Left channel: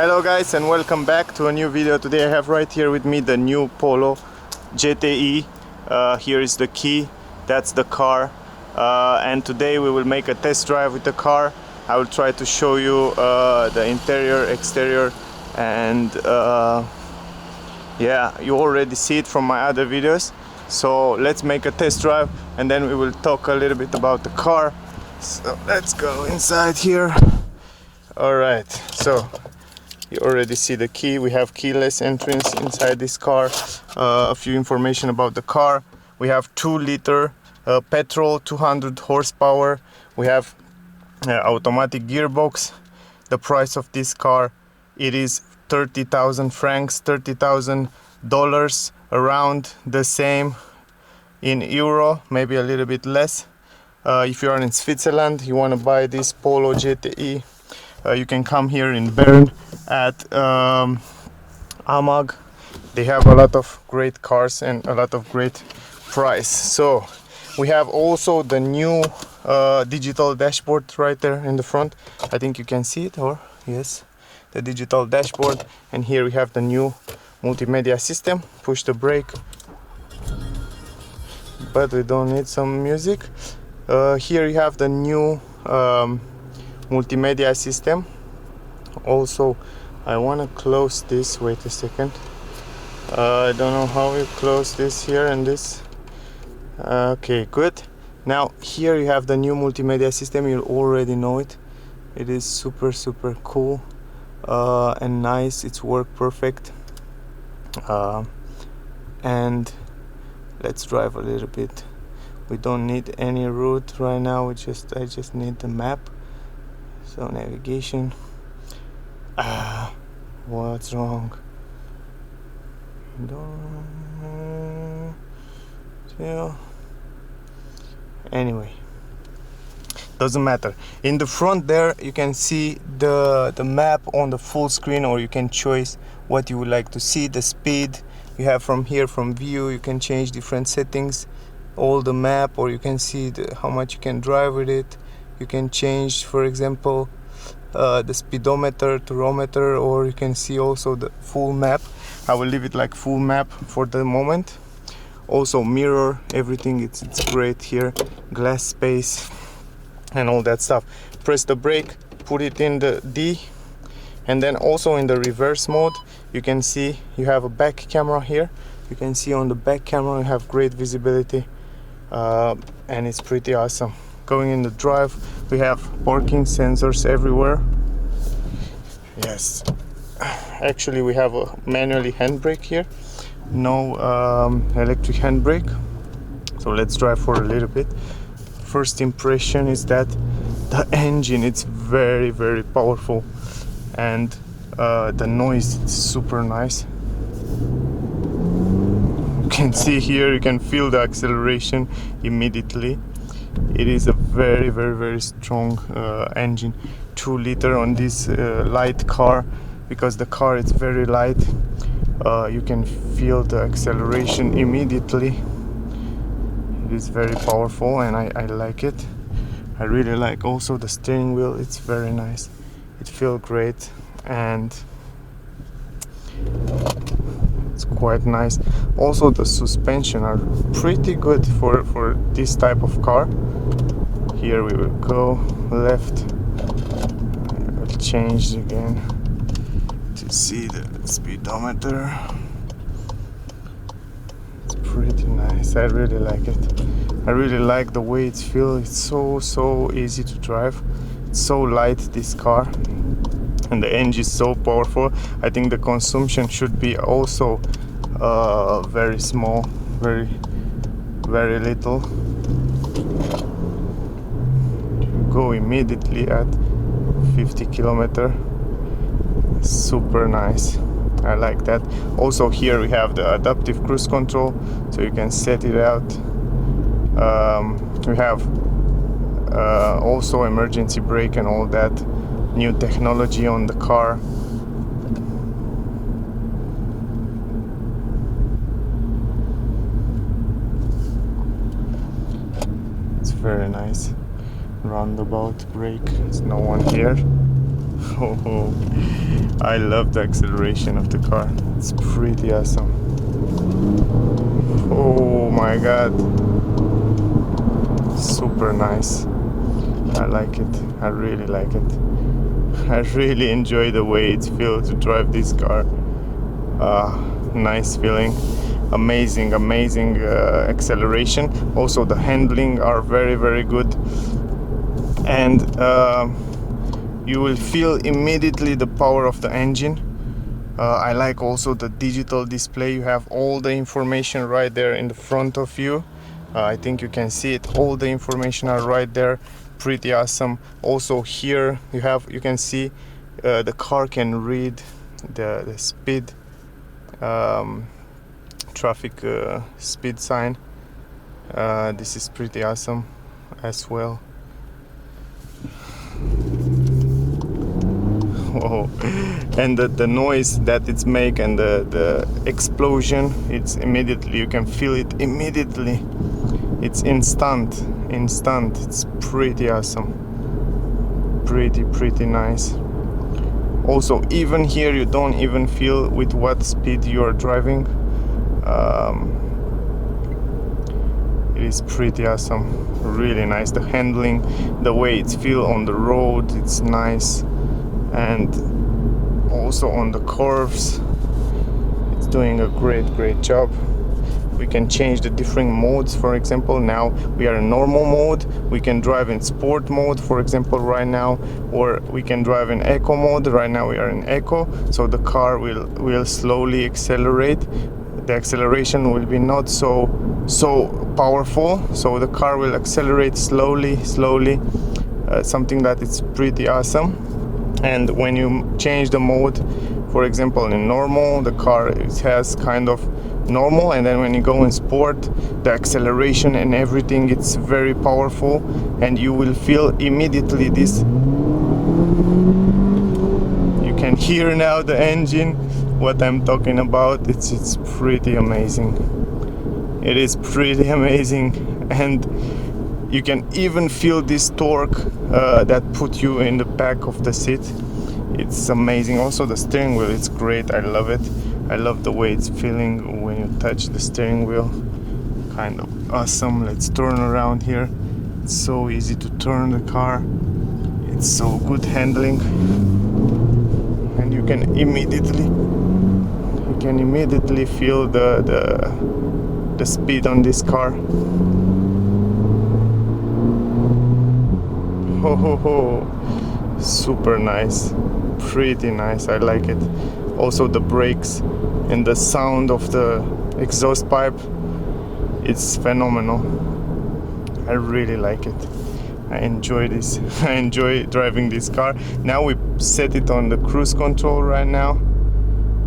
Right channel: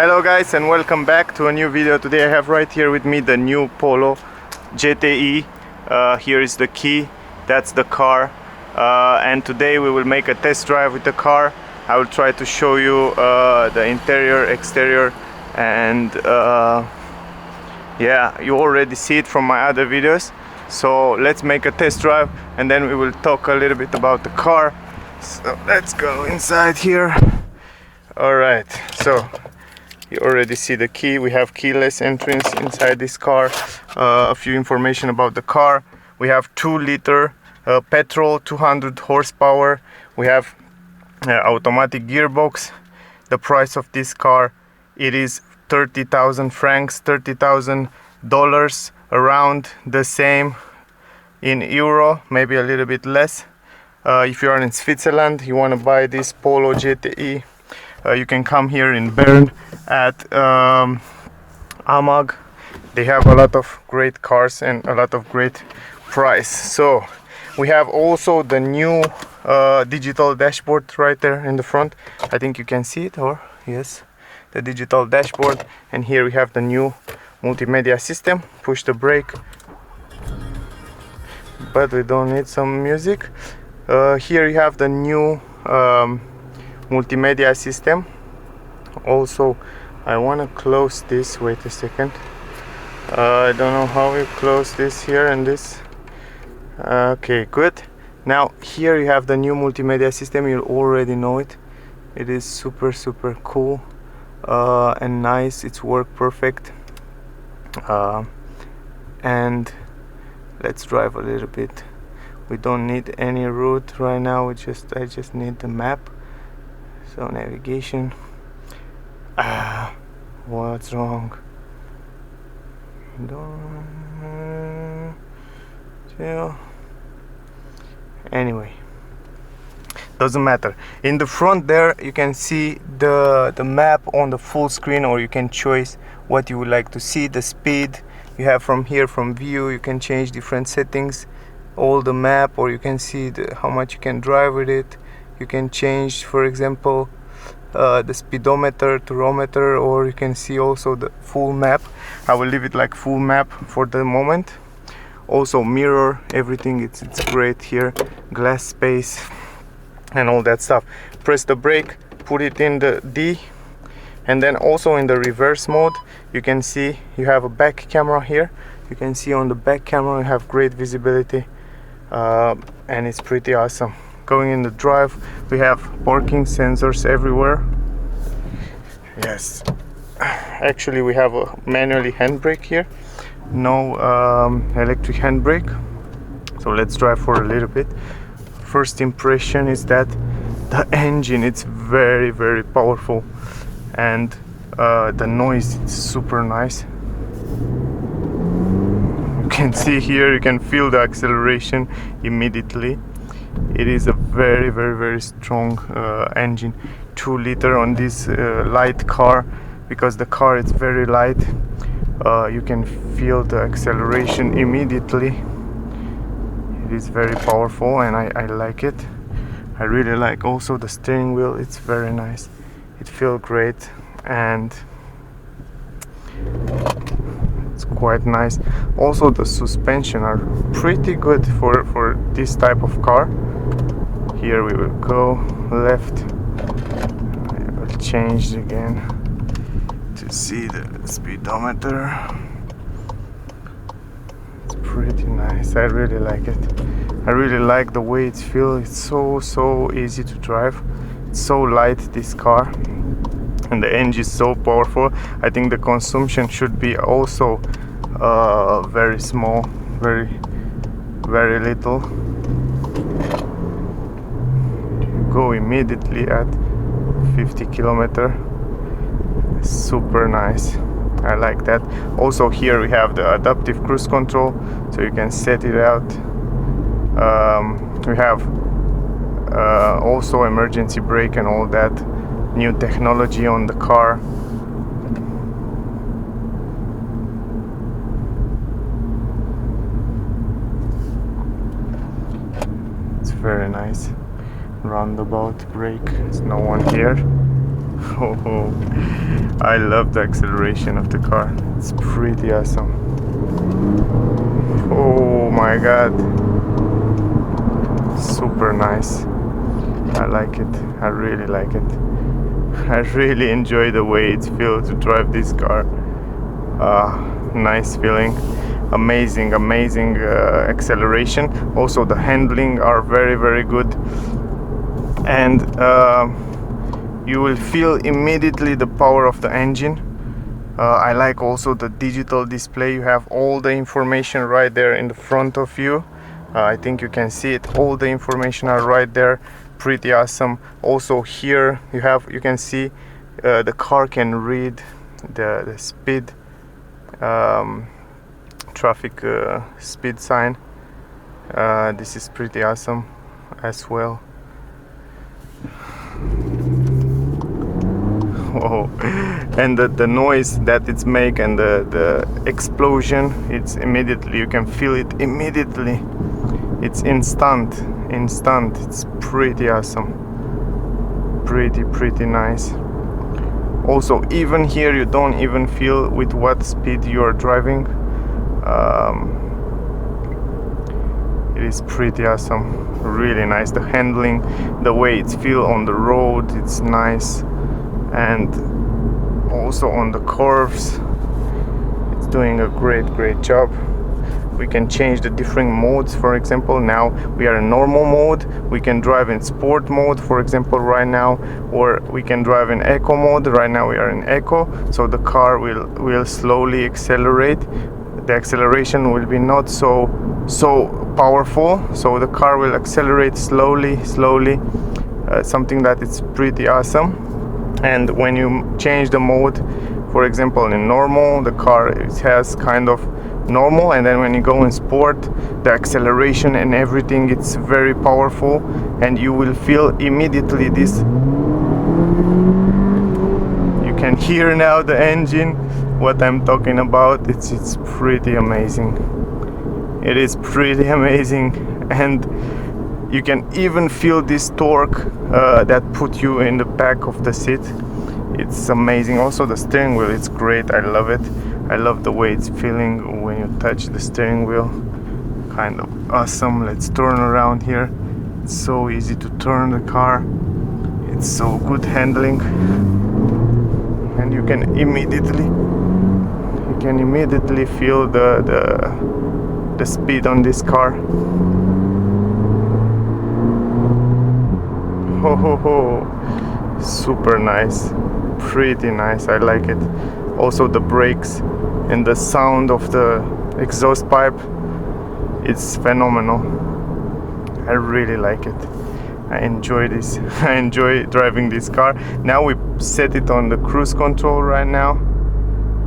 Hello guys, and welcome back to a new video. Today I have right here with me the new Polo GTI. Here is the key, that's the car, and today we will make a test drive with the car. I will try to show you the interior, exterior, and yeah, you already see it from my other videos. So let's make a test drive and then we will talk a little bit about the car. So let's go inside here. Alright, so you already see the key. We have keyless entrance inside this car. A few information about the car. We have 2-liter petrol, 200 horsepower. We have automatic gearbox. The price of this car, it is 30,000 francs, $30,000, around the same in euro, maybe a little bit less. If you are in Switzerland, you want to buy this Polo GTI, you can come here in Bern at AMAG. They have a lot of great cars and a lot of great price. So we have also the new digital dashboard right there in the front. I think you can see it, or yes, the digital dashboard. And here we have the new multimedia system. Push the brake, but we don't need some music. Here you have the new multimedia system. Also, I want to close this. Wait a second. I don't know how we close this here and this. Okay, good. Now here you have the new multimedia system. You already know it. It is super cool and nice. It's work perfect. And let's drive a little bit. We don't need any route right now. I just need the map. So navigation. What's wrong? Anyway, doesn't matter. In the front there you can see the map on the full screen, or you can choose what you would like to see. The speed you have from here, from view, you can change different settings, all the map, or you can see how much you can drive with it. You can change, for example, the speedometer, tachometer, or you can see also the full map. I will leave it like full map for the moment. Also mirror, everything, it's great here. Glass space and all that stuff. Press the brake, put it in the D, and then also in the reverse mode you can see you have a back camera here. You can see on the back camera you have great visibility, and it's pretty awesome. Going in the drive, we have parking sensors everywhere. Yes, actually we have a manually handbrake here, no electric handbrake. So let's drive for a little bit. First impression is that the engine, it's very powerful, and the noise, it's super nice. You can see here, you can feel the acceleration immediately. It is a very strong engine. 2-liter on this light car, because the car is very light. You can feel the acceleration immediately. It is very powerful, and I like it. I really like also the steering wheel. It's very nice. It feels great, and it's quite nice. Also the suspension are pretty good for this type of car. Here we will go left. I will change again to see the speedometer. It's pretty nice. I really like it. I really like the way it feels. It's so easy to drive. It's so light, this car, and the engine is so powerful. I think the consumption should be also very small, very little. Go immediately at 50 kilometer. Super nice. I like that. Also here we have the adaptive cruise control, so you can set it out. We have also emergency brake and all that new technology on the car. It's very nice. Roundabout brake, there's no one here. Oh, I love the acceleration of the car. It's pretty awesome. Oh my god. Super nice. I like it. I really like it. I really enjoy the way it feels to drive this car. Nice feeling. Amazing acceleration. Also the handling are very good, and you will feel immediately the power of the engine. I like also the digital display. You have all the information right there in the front of you. I think you can see it. All the information are right there. Pretty awesome. Also here you can see the car can read the speed, traffic speed sign. This is pretty awesome as well. Whoa. And the noise that it's make, and the explosion, it's immediately, you can feel it immediately. It's instant. It's pretty awesome. Pretty nice. Also, even here you don't even feel with what speed you are driving. It is pretty awesome. Really nice. The handling, the way it feels on the road, it's nice. And also on the curves, it's doing a great job. We can change the different modes. For example, now we are in normal mode. We can drive in sport mode, for example, right now, or we can drive in eco mode. Right now we are in eco, so the car will slowly accelerate. The acceleration will be not so powerful, so the car will accelerate slowly. Something that is pretty awesome. And when you change the mode, for example, in normal, the car has kind of normal, and then when you go in sport, the acceleration and everything, it's very powerful, and you will feel immediately this. You can hear now the engine, what I'm talking about. It's pretty amazing. It is pretty amazing, and you can even feel this torque that put you in the back of the seat. It's amazing. Also the steering wheel, it's great. I love it. I love the way it's feeling when you touch the steering wheel. Kind of awesome. Let's turn around here. It's so easy to turn the car. It's so good handling, and you can immediately feel the speed on this car. Oh, super nice. Pretty nice. I like it. Also the brakes and the sound of the exhaust pipe, it's phenomenal. I really like it. I enjoy this. I enjoy driving this car. Now we set it on the cruise control right now,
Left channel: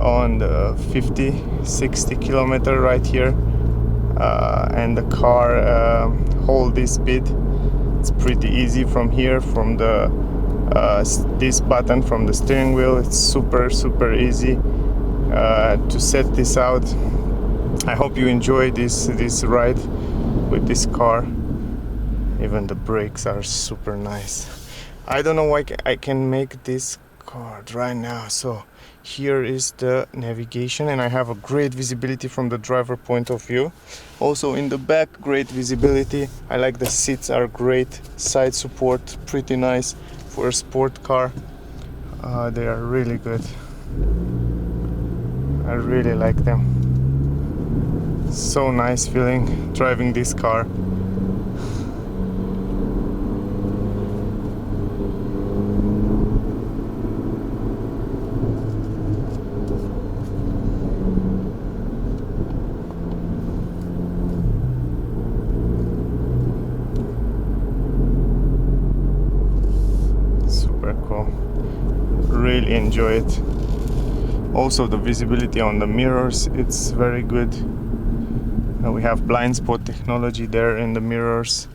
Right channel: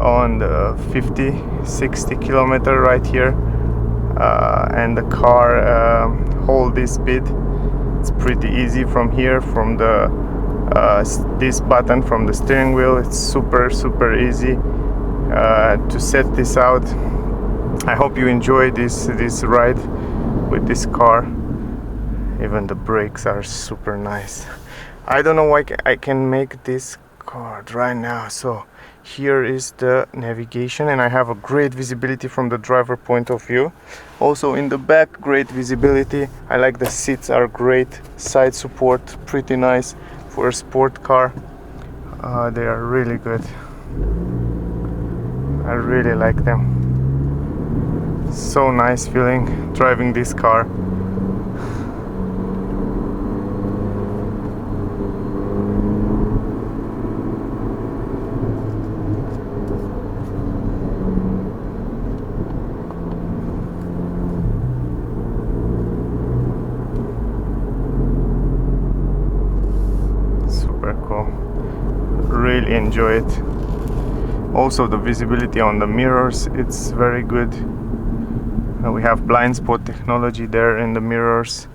on the 50-60 kilometer right here, and the car hold this speed. It's pretty easy from here, from the this button from the steering wheel. It's super easy to set this out. I hope you enjoy this ride with this car. Even the brakes are super nice. I don't know why I can make this card right now. So here is the navigation, and I have a great visibility from the driver point of view. Also in the back, great visibility. I like the seats are great. Side support, pretty nice for a sport car. They are really good. I really like them. So nice feeling driving this car. Super cool. Really enjoy it. Also the visibility on the mirrors, it's very good. We have blind spot technology there in the mirrors.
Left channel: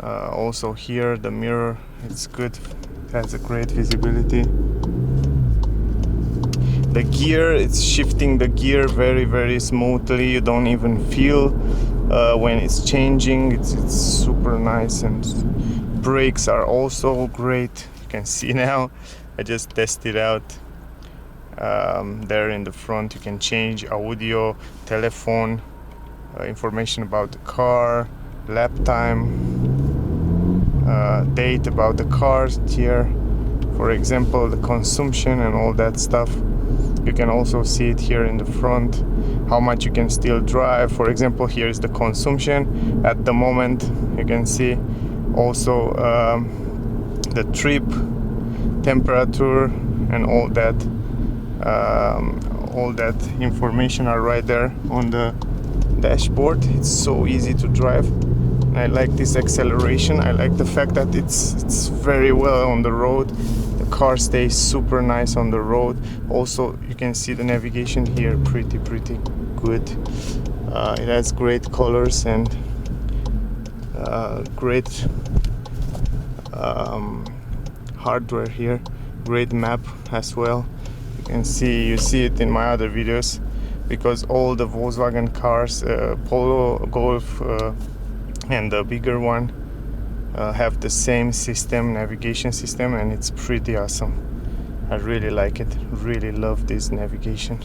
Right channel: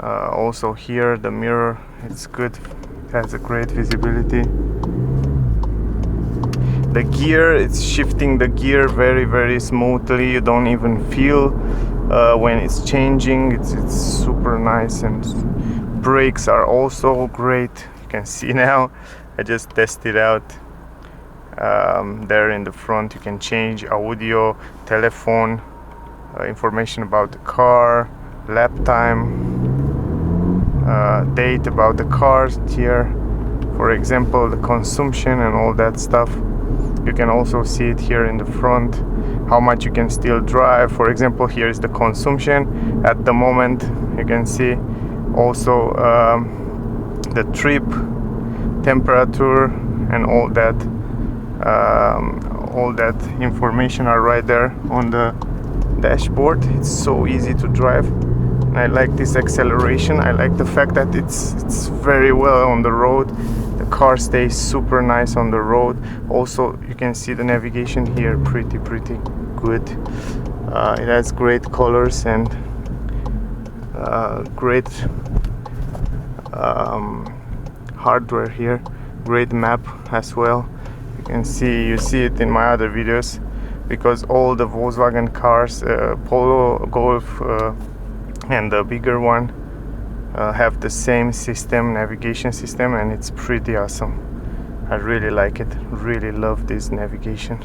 Also here the mirror, it's good, it has a great visibility. The gear, it's shifting the gear very smoothly. You don't even feel when it's changing. It's super nice. And brakes are also great. You can see now I just tested out. There in the front you can change audio, telephone, information about the car, lap time, date about the cars here, for example the consumption and all that stuff. You can also see it here in the front, how much you can still drive. For example, here is the consumption at the moment. You can see also the trip, temperature, and all that information are right there on the dashboard. It's so easy to drive, and I like this acceleration. I like the fact that it's very well on the road. The car stays super nice on the road. Also, you can see the navigation here, pretty good. It has great colors and great hardware here, great map as well. You see it in my other videos, because all the Volkswagen cars, Polo, Golf, and the bigger one have the same system, navigation system, and it's pretty awesome. I really like it, really love this navigation.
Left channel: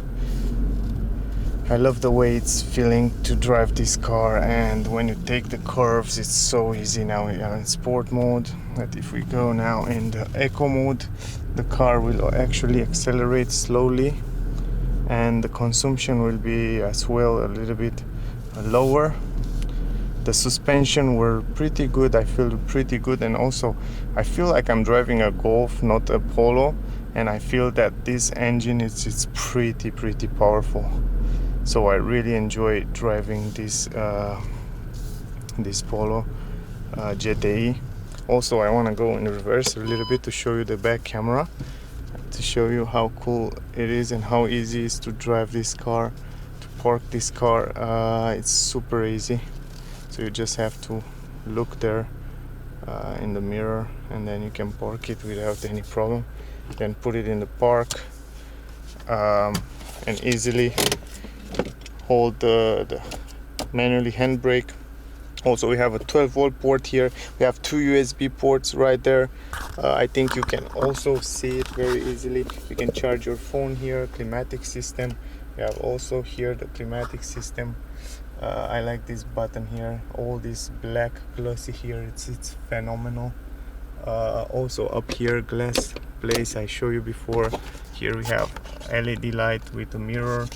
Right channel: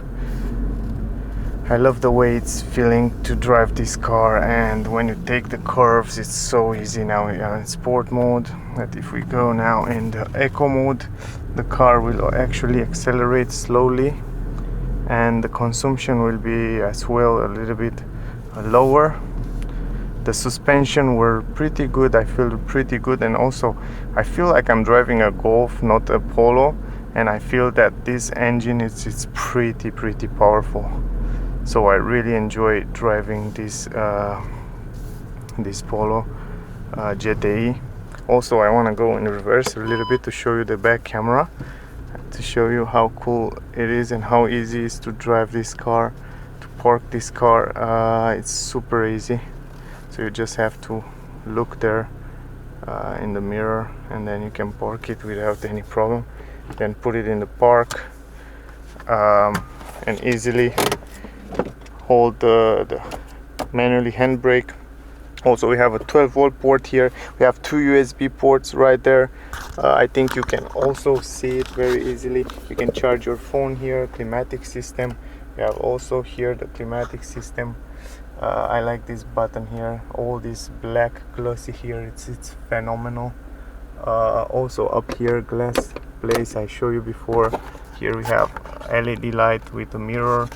I love the way it's feeling to drive this car, and when you take the curves it's so easy. Now we are in sport mode, but if we go now in the eco mode, the car will actually accelerate slowly, and the consumption will be as well a little bit lower. The suspension were pretty good, I feel pretty good, and also I feel like I'm driving a Golf, not a Polo, and I feel that this engine is pretty powerful. So I really enjoy driving this this Polo GTI. Also, I want to go in reverse a little bit to show you the back camera, to show you how cool it is and how easy it is to drive this car, to park this car. It's super easy. So you just have to look there in the mirror, and then you can park it without any problem. Then put it in the park and easily hold the manually handbrake. Also, we have a 12-volt port here. We have 2 USB ports right there. I think you can also see it very easily. You can charge your phone here. Climatic system. We have also here the climatic system. I like this button here. All this black glossy here. It's phenomenal. Also up here, glass place I showed you before. Here we have LED light with a mirror,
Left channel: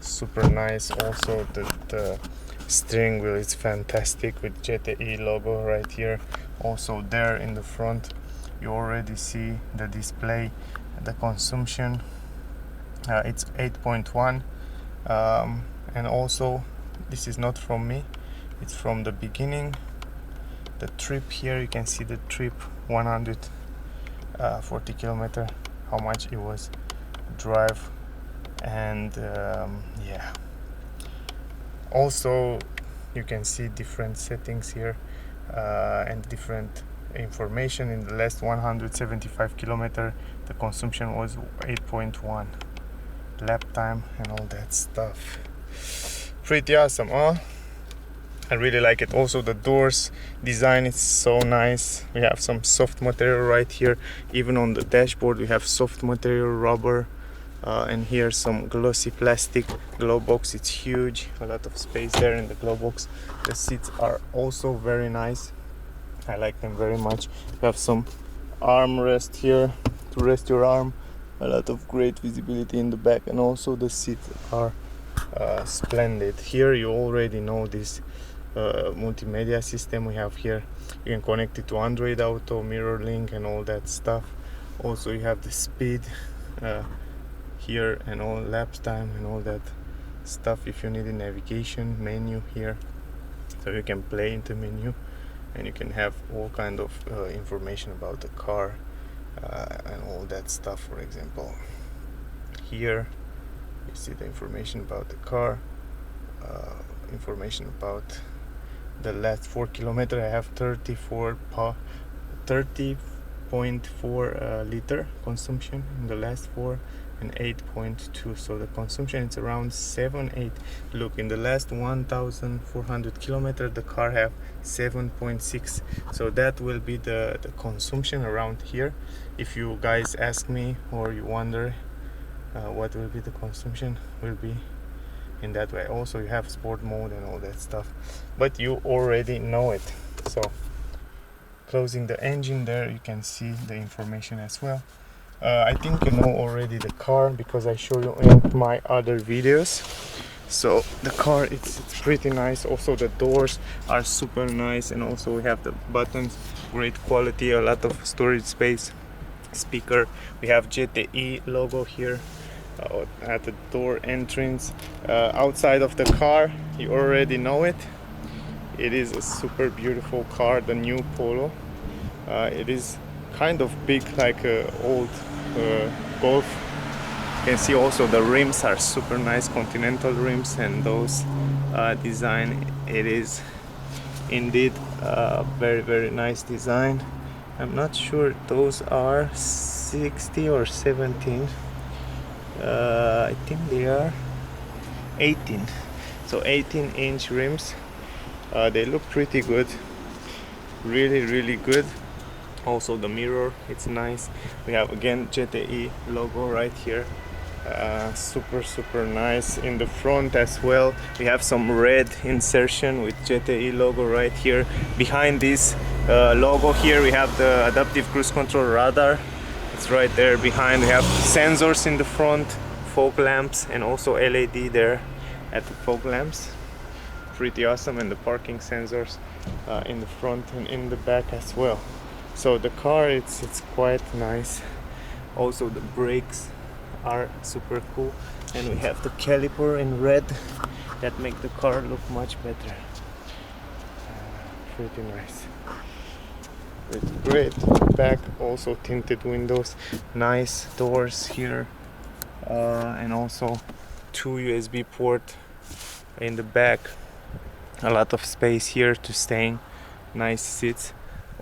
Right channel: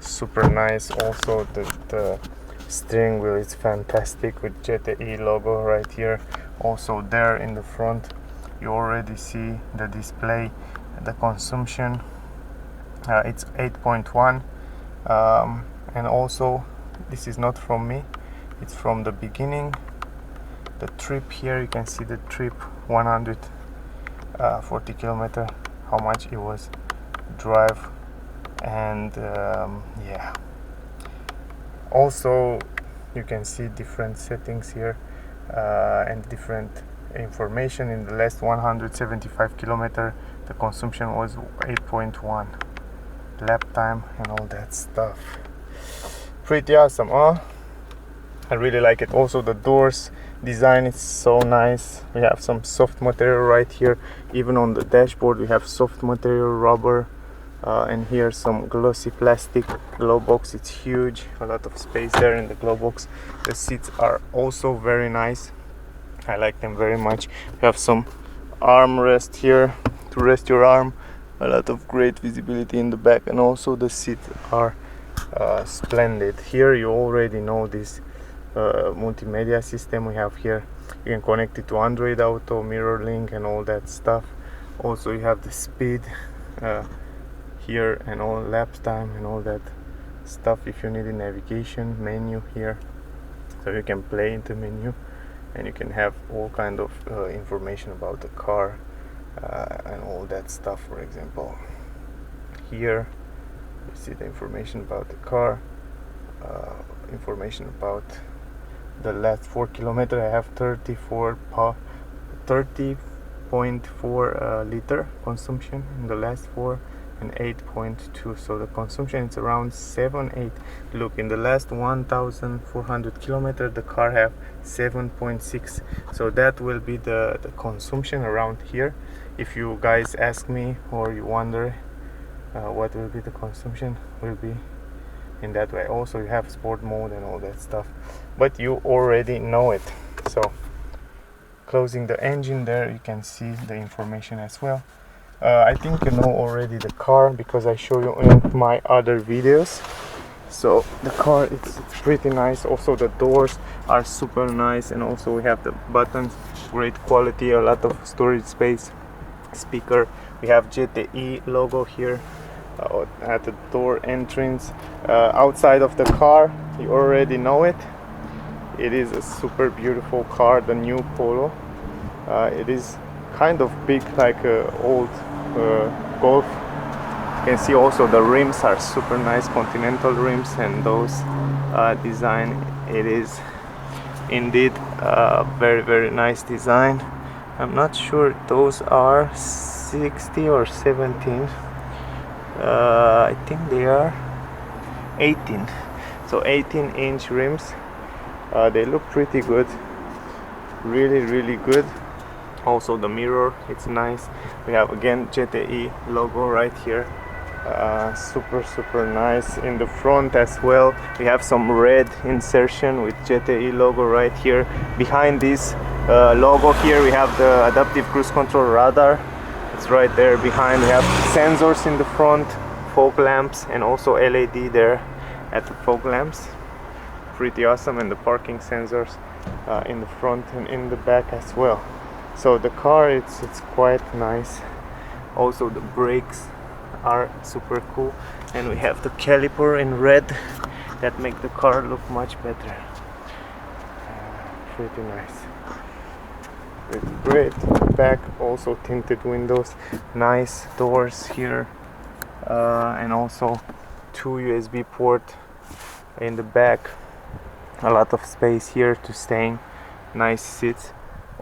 super nice. Also the steering wheel is fantastic with GTI logo right here. Also there in the front you already see the display, the consumption. It's 8.1 and also this is not from me, it's from the beginning. The trip here, you can see the trip 140 kilometer, how much it was drive, and yeah. Also you can see different settings here and different information. In the last 175 kilometer the consumption was 8.1, lap time and all that stuff. Pretty awesome, huh? I really like it. Also the doors design is so nice. We have some soft material right here. Even on the dashboard we have soft material, rubber, and here some glossy plastic. Glove box, it's huge, a lot of space there in the glove box. The seats are also very nice, I like them very much. We have some armrest here to rest your arm, a lot of great visibility in the back, and also the seats are splendid. Here you already know this multimedia system we have here. You can connect it to Android Auto, mirror link and all that stuff. Also you have the speed here and all, lap time and all that stuff. If you need a navigation menu here, so you can play into menu and you can have all kind of information about the car and all that stuff. For example, here you see the information about the car, information about the last 4 kilometers. I have 34 8.4 liter consumption in the last 4, and 8.2, so the consumption is around 7-8. Look, in the last 1,400 kilometers the car have 7.6, so that will be the consumption around here. If you guys ask me or you wonder what will be the consumption, will be in that way. Also, you have sport mode and all that stuff, but you already know it. So closing the engine there, you can see the information as well. I think you know already the car because I show you in my other videos. So the car, it's pretty nice. Also the doors are super nice, and also we have the buttons, great quality, a lot of storage space, speaker. We have GTI logo here at the door entrance. Outside of the car, you already know it. It is a super beautiful car, the new Polo. It is kind of big, like a old Golf. You can see also the rims are super nice, continental rims, and those design, it is indeed very nice design. I'm not sure, those are 60 or 17. I think they are 18, so 18-inch rims. They look pretty good, really good. Also the mirror, it's nice. We have again GTI logo right here. Super nice. In the front as well, we have some red insertion with GTI logo right here. Behind this logo here, we have the adaptive cruise control radar. It's right there behind. We have sensors in the front, fog lamps, and also LED there at the fog lamps. Pretty awesome. And the parking sensors in the front and in the back as well. So the car, it's quite nice. Also the brakes are super cool, and we have the caliper in red that make the car look much better. Pretty nice. It's great. Back also tinted windows, nice doors here, and also 2 USB port in the back. A lot of space here to staying. Nice seats.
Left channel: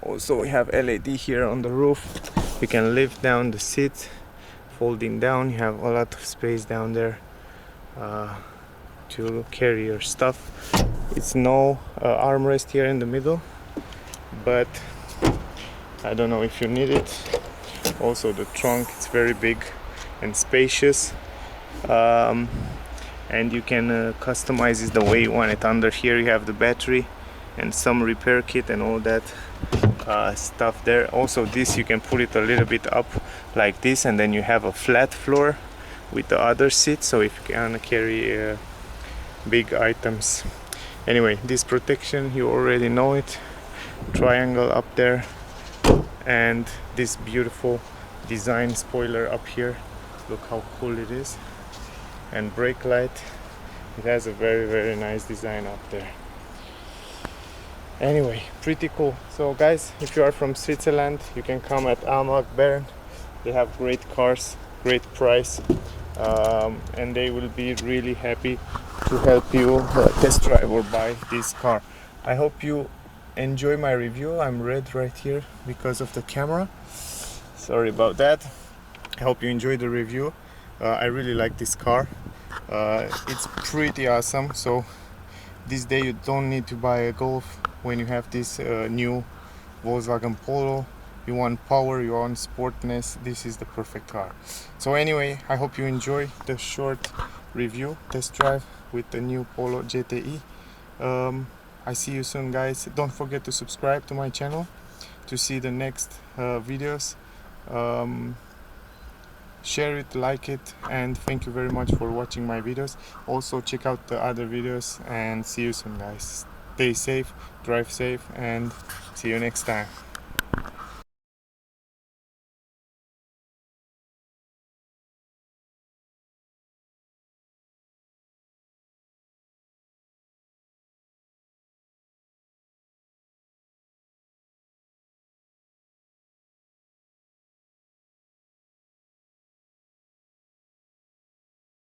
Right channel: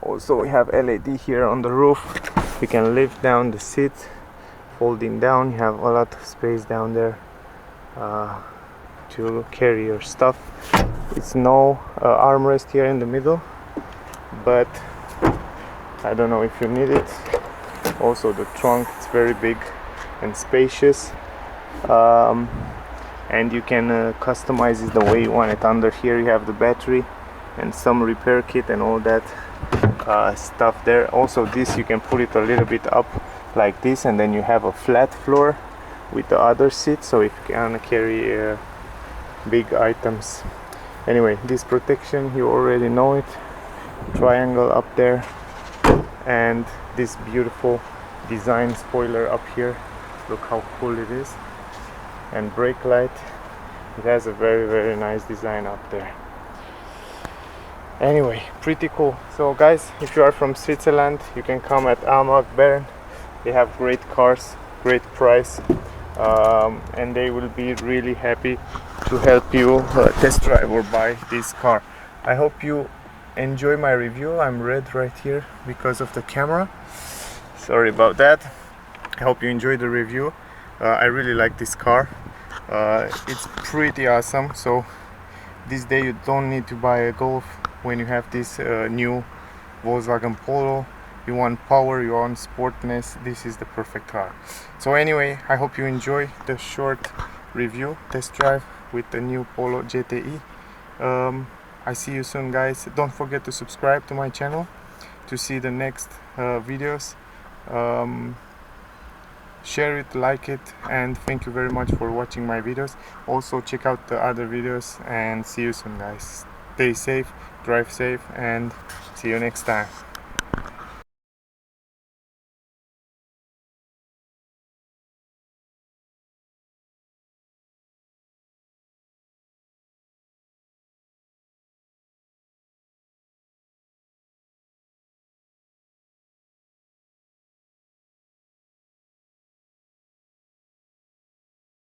Also we have LED here on the roof. You can lift down the seat, folding down. You have a lot of space down there to carry your stuff. It's no armrest here in the middle, but I don't know if you need it. Also the trunk, it's very big and spacious, and you can customize it the way you want it. Under here you have the battery and some repair kit and all that stuff there. Also this, you can put it a little bit up like this, and then you have a flat floor with the other seat, so if you can carry big items. Anyway, this protection, you already know it. Triangle up there, and this beautiful design spoiler up here. Look how cool it is. And brake light, it has a very nice design up there. Anyway, pretty cool. So guys, if you are from Switzerland, you can come at Amag Bern. They have great cars, great price, and they will be really happy to help you test drive or buy this car. I hope you enjoy my review. I'm red right here because of the camera, sorry about that. I hope you enjoyed the review. I really like this car. It's pretty awesome. So this day you don't need to buy a Golf when you have this new Volkswagen Polo. You want power, you want sportness, this is the perfect car. So anyway, I hope you enjoy the short review test drive with the new Polo GTI. I see you soon, guys. Don't forget to subscribe to my channel to see the next videos. Share it, like it, and thank you very much for watching my videos. Also check out the other videos, and see you soon, guys. Stay safe, drive safe, and see you next time.